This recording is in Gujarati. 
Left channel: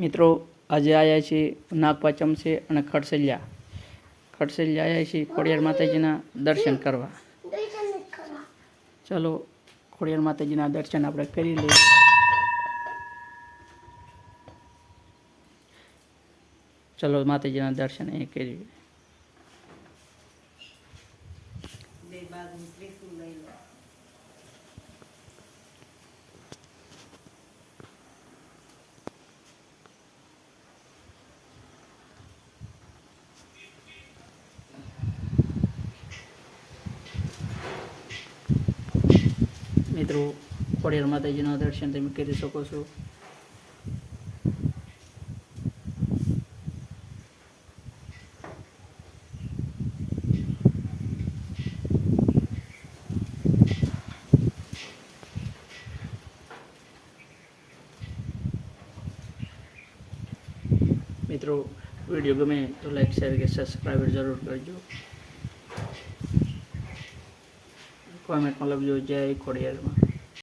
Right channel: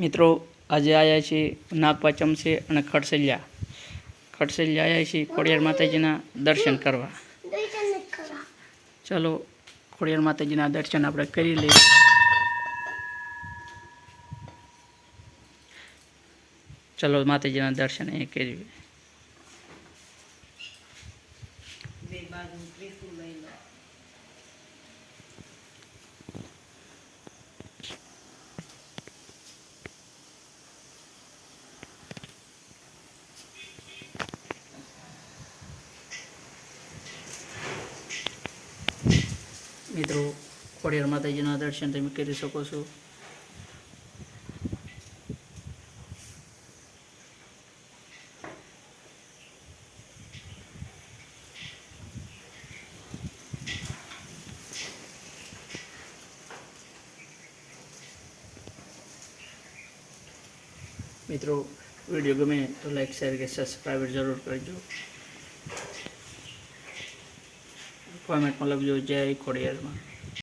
મિત્રો આજે આવ્યા છીએ નાગપાચમ છે અને ખડસલિયા આવ્યા છીએ ખોડિયાર માતાજીના દર્શન કરવા। ચલો ખોડિયાર માતાજીના દર્શન આપણે કરી લઈએ। ચલો માતાજીના દર્શન અહીં કરીએ। મિત્રો ખોડિયાર માતાજીના દર્શન તમે કરી શકો છો। મિત્રો વિડીયો ગમે તો લાઈક શેર કે સબસ્ક્રાઈબ જરૂર કરજો। કોમેન્ટમાં લખજો જય ખોડિયારમાં।